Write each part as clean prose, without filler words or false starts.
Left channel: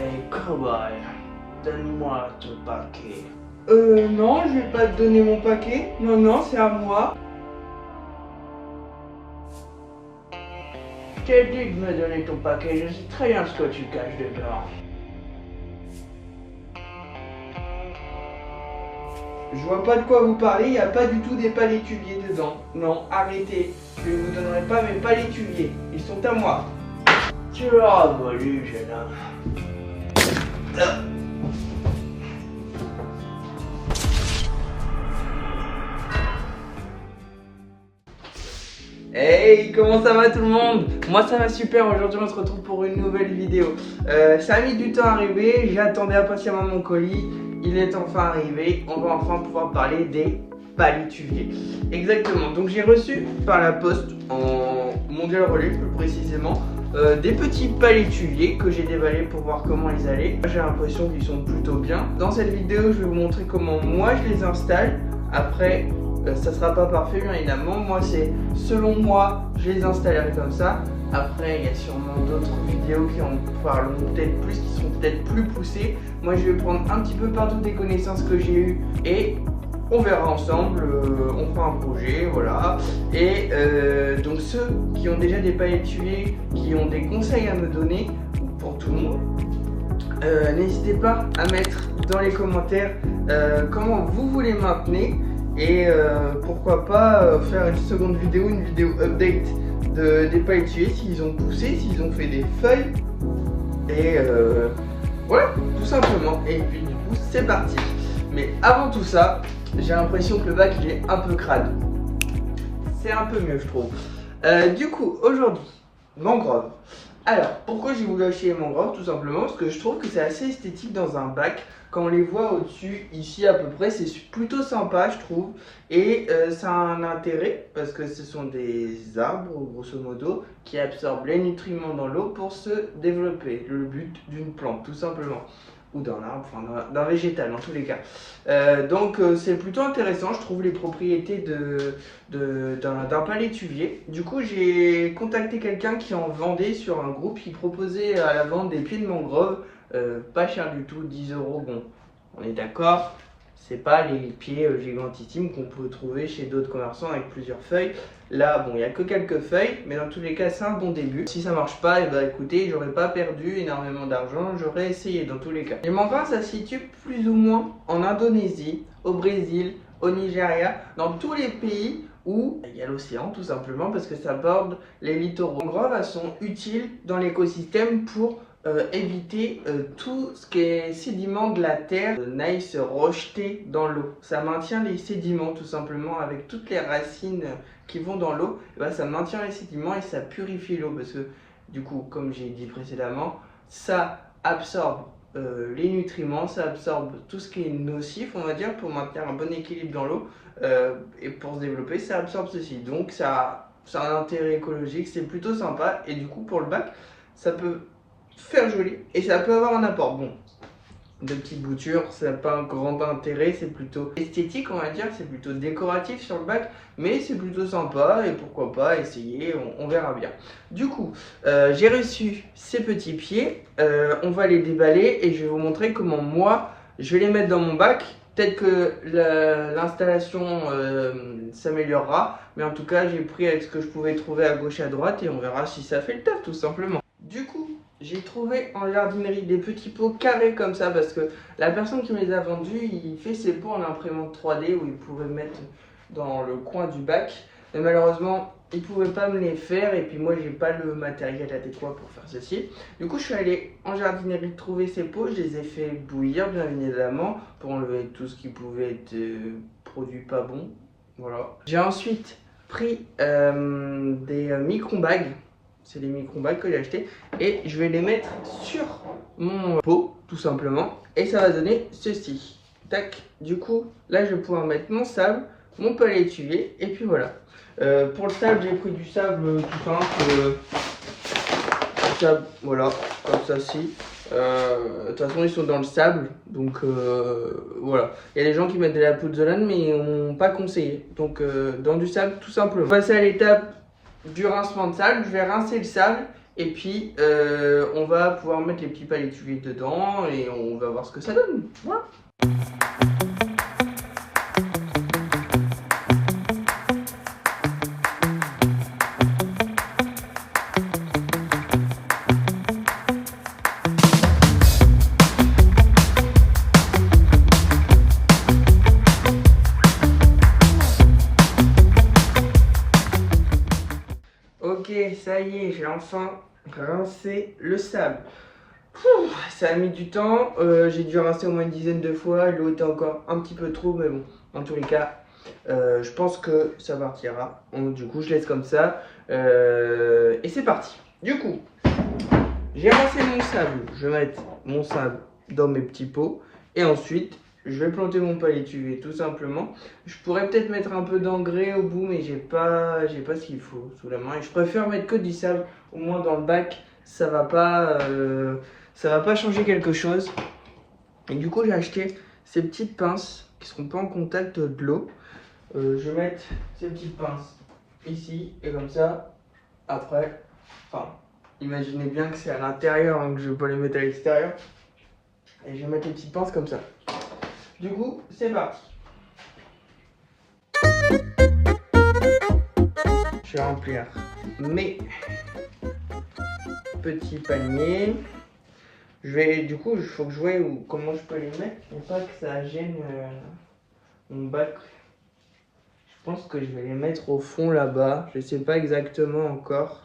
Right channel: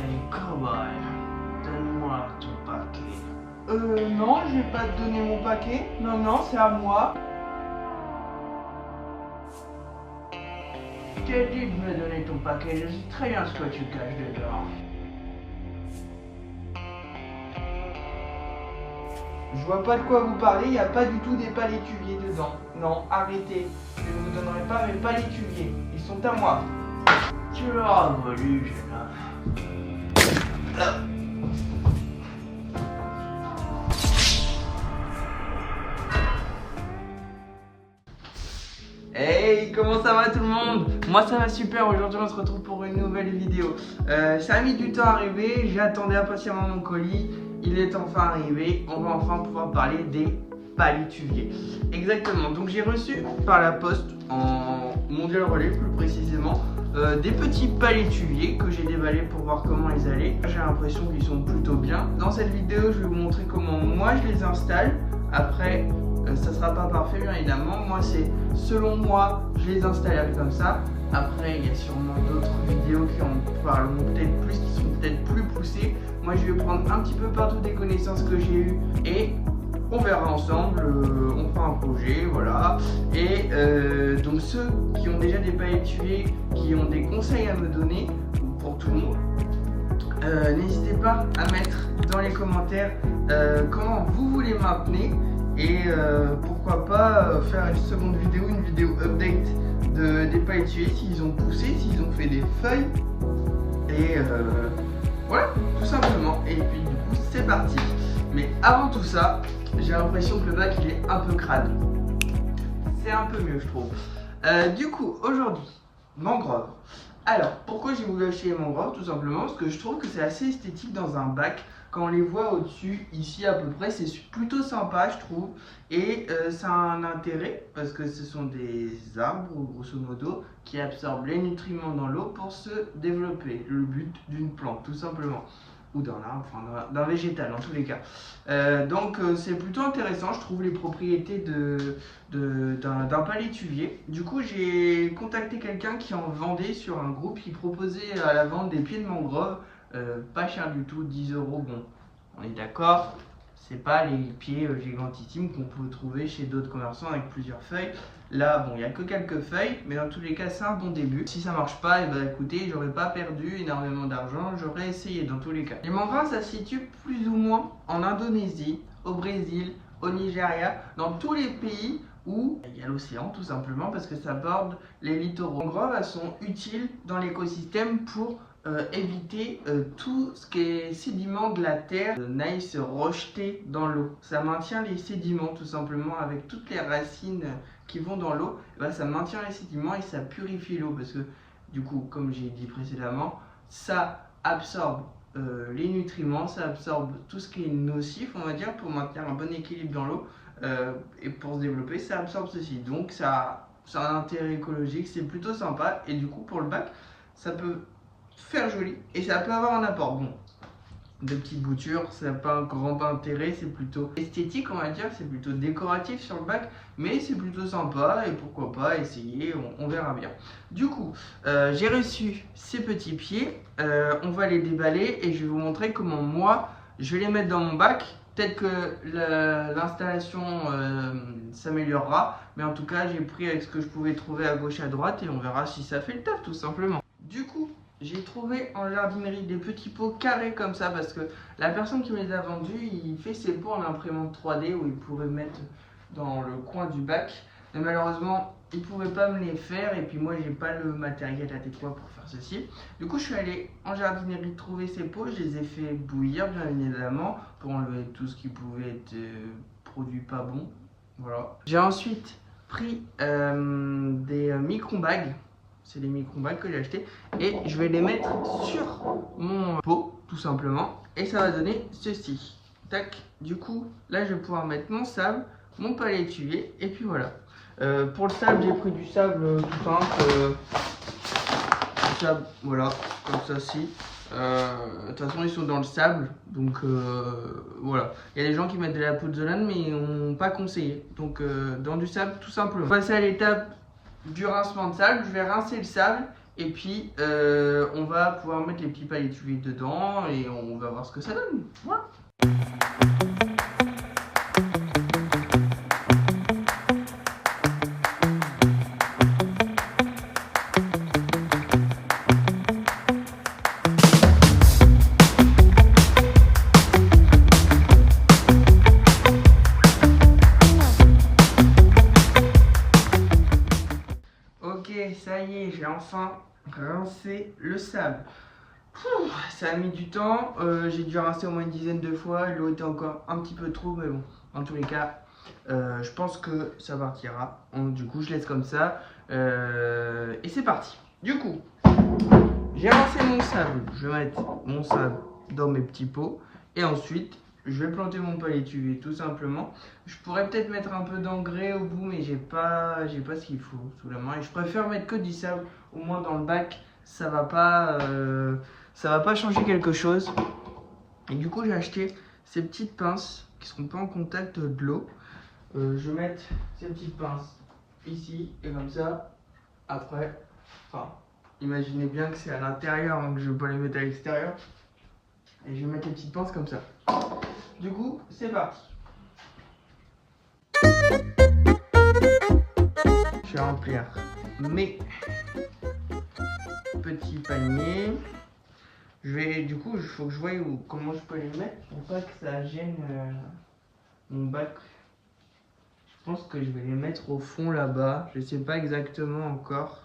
Hey, cowboy, donne-moi ton paquet. Non, je vais pas te donner mon paquet. Non, non, c'est à moi. Je t'ai dit de me donner ton paquet, je sais très bien ce que tu caches dedans. Je vois pas de quoi vous parlez, il n'y a pas du tout des palétuviers dedans. Non, arrêtez. Je ne vous donnerai pas mes palétuviers. Ils sont à moi. Tu as volé, jeune homme. Hey, comment ça va tout le monde? Moi ça va super, aujourd'hui on se retrouve pour une nouvelle vidéo. Ça a mis du temps à arriver, j'attendais impatiemment mon colis, il est enfin arrivé, on va enfin pouvoir parler des palétuviers. Exactement, donc j'ai reçu par la poste, en mondial relais plus précisément, des petits palétuviers que j'ai déballés pour voir comment ils allaient. J'ai l'impression qu'ils sont plutôt bien. Dans cette vidéo je vais vous montrer comment moi je les installe. Après ça sera pas parfait bien évidemment, moi c'est selon moi je les installerai comme ça. Après il y a sûrement d'autres vidéos qui en parleront peut-être plus, qui seront peut-être plus poussées. Moi je vais prendre un petit peu partout des connaissances que j'ai eues et on verra ensemble, on fera un projet, voilà. Et donc ceux qui ont déjà des palétuviers, qui ont des conseils à me donner, ou pour tout le monde, n'hésitez pas à mettre dans les commentaires comment vous voulez maintenir. Et pourquoi pas faire une seconde vidéo, une vidéo update des palétuviers, s'ils ont poussé, s'ils ont fait des feuilles. Et voilà, tout simplement. Et puis du coup, c'est parti. Mais avant tout ça, j'ai l'impression que le bac il est un peu crade. C'est un peu mieux, je trouve. Du coup, aujourd'hui, mangrove. Alors, pourquoi j'ai voulu acheter les mangroves? Tout simplement parce que je trouve que c'est assez esthétique dans un bac. Quand on les voit au-dessus, ici à peu près, c'est plutôt sympa, je trouve. Et ça a un intérêt parce que ce sont des arbres, grosso modo, qui absorbent les nutriments dans l'eau pour se développer. Le but d'une plante, tout simplement. Ou d'un arbre, enfin d'un végétal en tous les cas. Donc c'est plutôt intéressant, je trouve, les propriétés d'un palétuvier. Du coup j'ai contacté quelqu'un qui en vendait sur un groupe qui proposait à la vente des pieds de mangrove, pas cher du tout, 10 €. Bon, on est d'accord, c'est pas les pieds gigantissimes qu'on peut trouver chez d'autres commerçants avec plusieurs feuilles. Là, bon, il n'y a que quelques feuilles, mais dans tous les cas, c'est un bon début. Si ça marche pas, et bah écoutez, j'aurais pas perdu énormément d'argent, j'aurais essayé dans tous les cas. Les mangroves, ça se situe plus ou moins en Indonésie, au Brésil, au Nigeria, dans tous les pays où il y a l'océan, tout simplement, parce que ça borde les littoraux. Les mangroves, elles sont utiles dans l'écosystème pour éviter tout ce qui est sédiments de la terre n'aille se rejeter dans l'eau. Ça maintient les sédiments tout simplement avec toutes les racines qui vont dans l'eau. Ben, ça maintient les sédiments et ça purifie l'eau parce que du coup, comme j'ai dit précédemment, ça absorbe les nutriments, ça absorbe tout ce qui est nocif, on va dire, pour maintenir un bon équilibre dans l'eau et pour se développer, ça absorbe ceci. Donc ça a un intérêt écologique, c'est plutôt sympa et du coup pour le bac, ça peut faire joli et ça peut avoir un apport. Bon, de petites boutures, ça n'a pas un grand intérêt, c'est plutôt esthétique, on va dire, c'est plutôt décoratif sur le bac, mais c'est plutôt sympa et pourquoi pas essayer, on verra bien. Du coup, j'ai reçu ces petits pieds, on va les déballer et je vais vous montrer comment moi je vais les mettre dans mon bac. Peut-être que l'installation s'améliorera, mais en tout cas j'ai pris avec ce que je pouvais trouver à gauche et à droite et on verra si ça fait le taf tout simplement. Du coup, j'ai trouvé en jardinerie des petits pots carrés comme ça parce que la personne qui me les a vendus, il fait ses pots en imprimante 3D où il pourrait mettre dans le coin du bac. Mais malheureusement, il ne pouvait pas me les faire et puis moi, j'ai pas le matériel adéquat pour faire ceci. Du coup, je suis allé en jardinerie trouver ces pots. Je les ai fait bouillir bien évidemment pour enlever tout ce qui pouvait être produit pas bon. Voilà. J'ai ensuite pris des micro-bags. C'est les micro-bags que j'ai acheté et je vais les mettre sur mon pot tout simplement et ça va donner ceci. Tac. Du coup là je vais pouvoir mettre mon sable, mon palétuvier et puis voilà. Pour le sable j'ai pris du sable tout simple, du sable voilà comme ça ci. De toute façon ils sont dans le sable donc voilà. Il y a des gens qui mettent de la pouzzolane mais ils n'ont pas conseillé donc dans du sable tout simplement. On va passer à l'étape du rincement de sable, je vais rincer le sable Et puis on va pouvoir mettre les petits palétuviers dedans et on va voir ce que ça donne. Voilà. Ok, ça y est, j'ai enfin rincé le sable. Ça a mis du temps, j'ai dû rincer au moins une dizaine de fois, l'eau était encore un petit peu trop, mais bon, en tous les cas, je pense que ça partira. Du coup, je laisse comme ça, et c'est parti. Du coup, j'ai rincé mon sable, je vais mettre mon sable dans mes petits pots, et ensuite, je vais planter mon palétuvier tout simplement. Je pourrais peut-être mettre un peu d'engrais au bout, mais j'ai pas ce qu'il faut sous la main. Et je préfère mettre que du sable, au moins dans le bac, ça va pas changer quelque chose. Et du coup, j'ai acheté ces petites pinces qui ne seront pas en contact de l'eau. Je vais mettre ces petites pinces ici, et comme ça, après, enfin, imaginez bien que c'est à l'intérieur, donc je vais pas les mettre à l'extérieur. Et je vais mettre les petites pinces comme ça. Du coup, c'est parti. Je vais remplir mes petits paniers. Du coup, il faut que je voie comment je peux les mettre pour pas que ça gêne mon bac. Je pense que je vais les mettre au fond là-bas. Je sais pas exactement encore.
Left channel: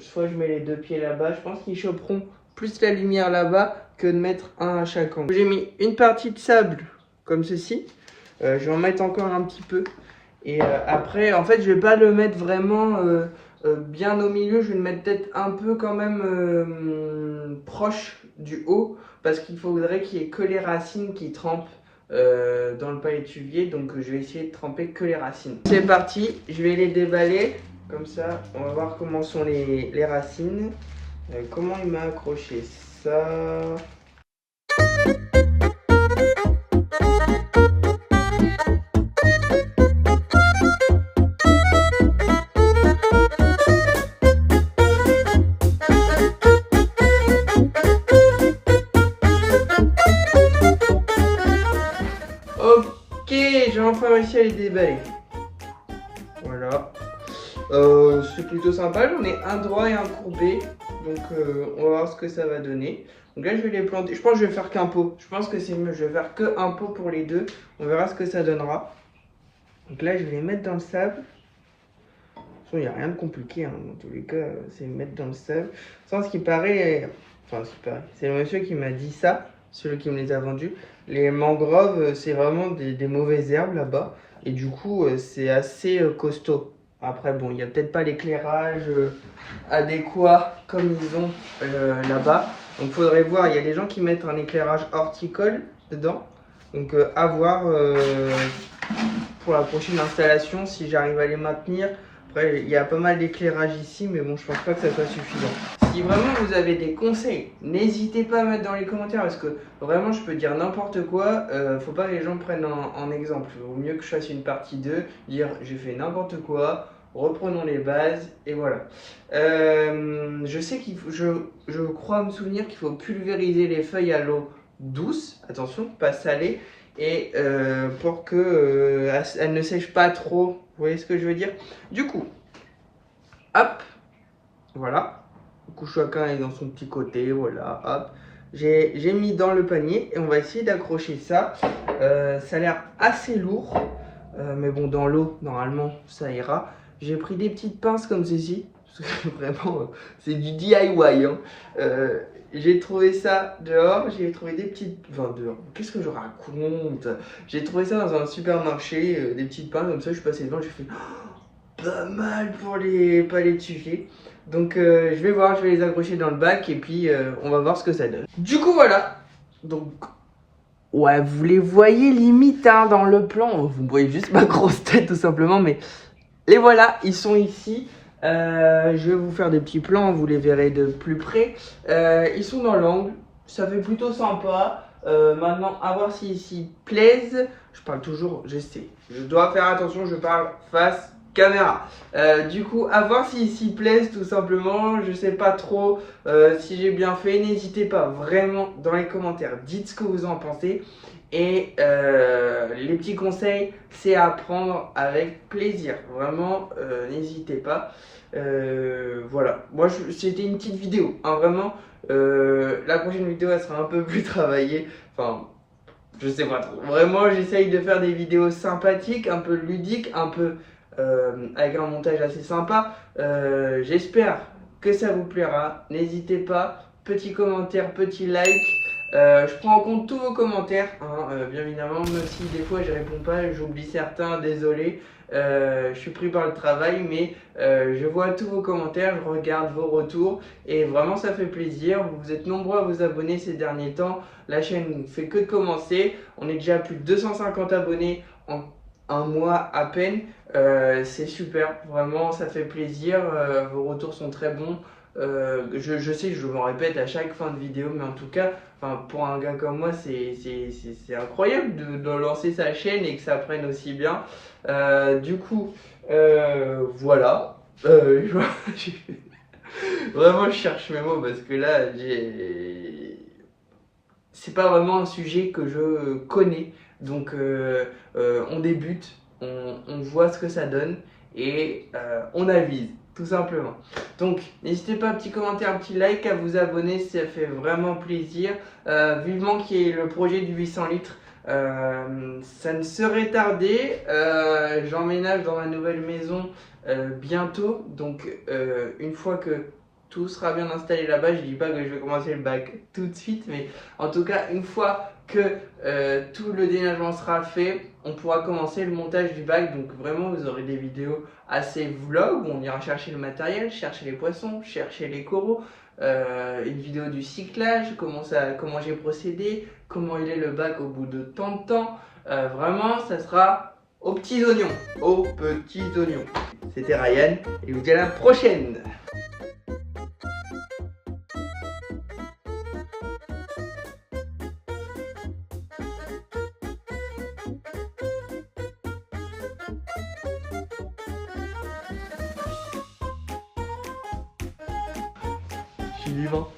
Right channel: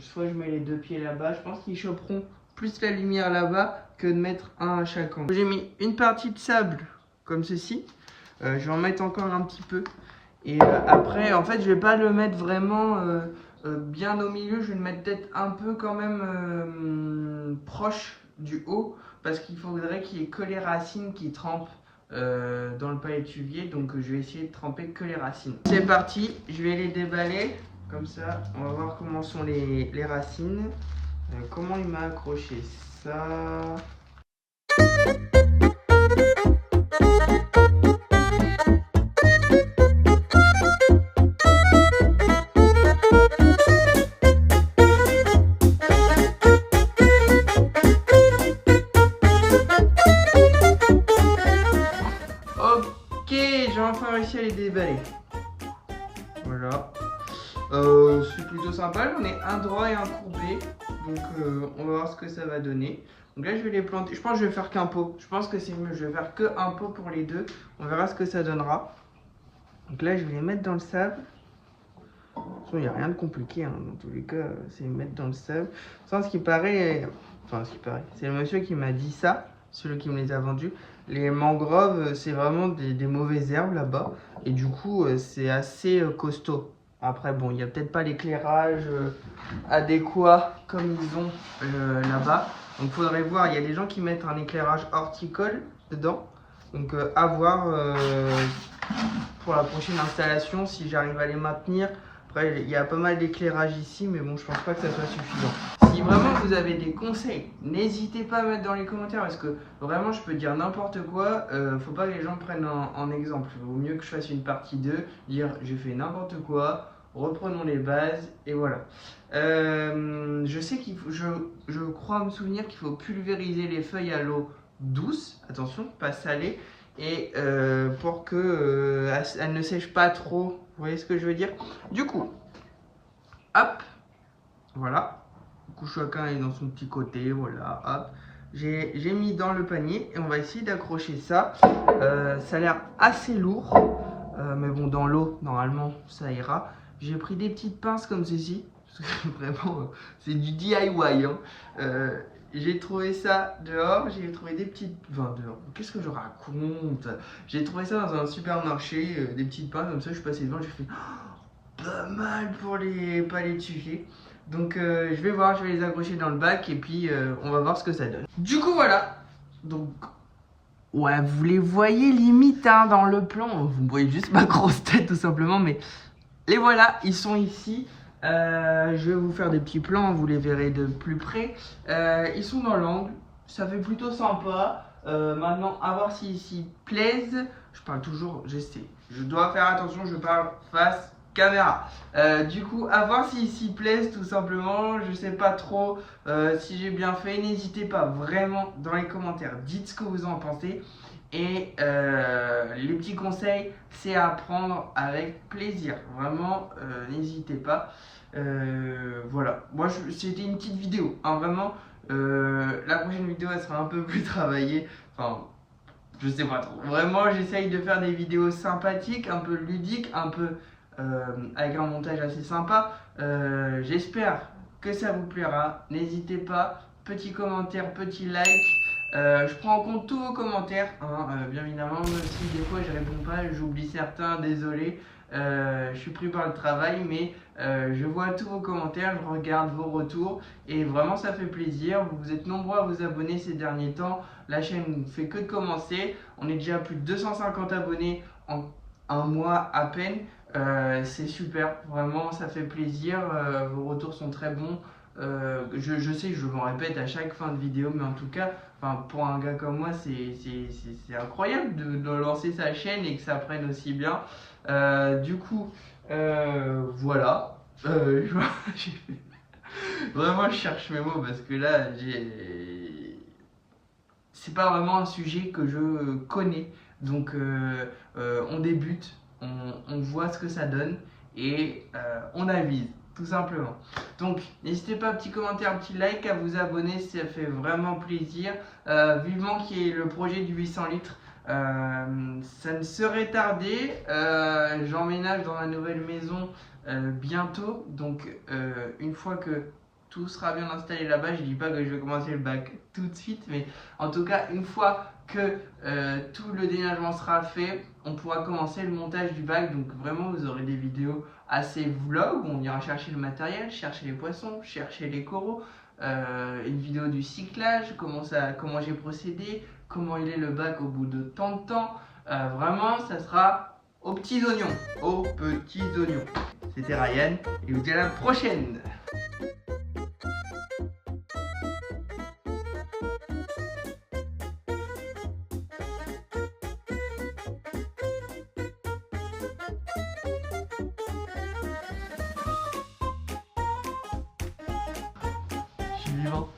Soit je mets les deux pieds là-bas. Je pense qu'ils choperont plus la lumière là-bas que de mettre un à chaque angle. J'ai mis une partie de sable comme ceci. Je vais en mettre encore un petit peu. Et après, en fait, je vais pas le mettre vraiment bien au milieu. Je vais le mettre peut-être un peu quand même proche du haut. Parce qu'il faudrait qu'il y ait que les racines qui trempent dans le palétuvier. Donc je vais essayer de tremper que les racines. C'est parti, je vais les déballer. Comme ça, on va voir comment sont les racines. Comment il m'a accroché ça. Ok, j'ai enfin réussi à les déballer. Voilà. C'est plutôt sympa, j'en ai un droit et un courbé. Donc on va voir ce que ça va donner. Donc là je vais les planter, je pense que je vais faire qu'un pot. Je pense que c'est mieux, je vais faire qu'un pot pour les deux. On verra ce que ça donnera. Donc là je vais les mettre dans le sable. Il n'y a rien de compliqué, hein. Dans tous les cas, c'est les mettre dans le sable. Sans ce qui paraît, enfin ce qui paraît, c'est le monsieur qui m'a dit ça, celui qui me les a vendus. Les mangroves, c'est vraiment des mauvaises herbes là-bas. Et du coup, c'est assez costaud. Après, bon, il n'y a peut-être pas l'éclairage adéquat comme ils ont là-bas. Donc, il faudrait voir. Il y a des gens qui mettent un éclairage horticole dedans. Donc, à voir pour la prochaine installation si j'arrive à les maintenir. Après, il y a pas mal d'éclairage ici, mais bon, je pense pas que ça soit suffisant. Si vraiment vous avez des conseils, n'hésitez pas à mettre dans les commentaires parce que vraiment, je peux dire n'importe quoi. Faut pas que les gens me prennent en exemple. Il vaut mieux que je fasse une partie 2, dire j'ai fait n'importe quoi, reprenons les bases et voilà. Je sais je crois me souvenir qu'il faut pulvériser les feuilles à l'eau douce, attention, pas salée, et pour que elle ne sèche pas trop. Vous voyez ce que je veux dire? Du coup, hop, voilà. Du coup, chacun est dans son petit côté, voilà, hop. J'ai mis dans le panier et on va essayer d'accrocher ça. Ça a l'air assez lourd, mais bon, dans l'eau, normalement, ça ira. J'ai pris des petites pinces comme ceci, parce que vraiment, c'est du DIY, hein. J'ai trouvé ça dehors, j'ai trouvé des petites... Enfin, dehors, qu'est-ce que je raconte? J'ai trouvé ça dans un supermarché, des petites pinces comme ça, je suis passé devant, j'ai fait... Oh, pas mal pour les palétuviers. Donc je vais voir, je vais les accrocher dans le bac et puis on va voir ce que ça donne. Du coup, voilà. Donc, ouais, vous les voyez limite hein, dans le plan. Vous voyez juste ma grosse tête tout simplement, mais les voilà, ils sont ici. Je vais vous faire des petits plans, vous les verrez de plus près. Ils sont dans l'angle, ça fait plutôt sympa. Maintenant, à voir s'ils s'y plaisent. Je parle toujours, j'essaie. Je dois faire attention, je parle face caméra. Du coup, à voir s'ils s'y plaisent tout simplement. Je sais pas trop si j'ai bien fait. N'hésitez pas vraiment dans les commentaires. Dites ce que vous en pensez. Et les petits conseils, c'est à prendre avec plaisir. Vraiment, n'hésitez pas. Voilà. Moi, c'était une petite vidéo. Hein, vraiment. La prochaine vidéo, elle sera un peu plus travaillée. Enfin, je sais pas trop. Vraiment, j'essaye de faire des vidéos sympathiques, un peu ludiques, un peu avec un montage assez sympa. J'espère que ça vous plaira. N'hésitez pas. Petit commentaire, petit like. Je prends en compte tous vos commentaires, hein, bien évidemment, même si des fois je réponds pas, j'oublie certains, désolé. Je suis pris par le travail, mais je vois tous vos commentaires, je regarde vos retours et vraiment ça fait plaisir. Vous êtes nombreux à vous abonner ces derniers temps, la chaîne ne fait que de commencer. On est déjà à plus de 250 abonnés en un mois à peine. C'est super, vraiment ça fait plaisir, vos retours sont très bons. Je sais que je m'en répète à chaque fin de vidéo, mais en tout cas, enfin, pour un gars comme moi, c'est incroyable de lancer sa chaîne et que ça prenne aussi bien. Du coup, voilà. Vraiment, je cherche mes mots parce que là, c'est pas vraiment un sujet que je connais. Donc, on débute, on voit ce que ça donne et on avise, tout simplement. Donc, n'hésitez pas, un petit commentaire, un petit like, à vous abonner, ça fait vraiment plaisir. Vivement qu'il y ait le projet du 800 litres. Ça ne serait tardé. J'emménage dans ma nouvelle maison bientôt. Donc, une fois que tout sera bien installé là-bas, je dis pas que je vais commencer le bac tout de suite, mais en tout cas, une fois que tout le déménagement sera fait, on pourra commencer le montage du bac. Donc vraiment, vous aurez des vidéos assez vlog, on ira chercher le matériel, chercher les poissons, chercher les coraux, une vidéo du cyclage, comment j'ai procédé, comment il est le bac au bout de tant de temps. Vraiment, ça sera aux petits oignons, aux petits oignons. C'était Ryan et je vous dis à la prochaine. Je suis vivant.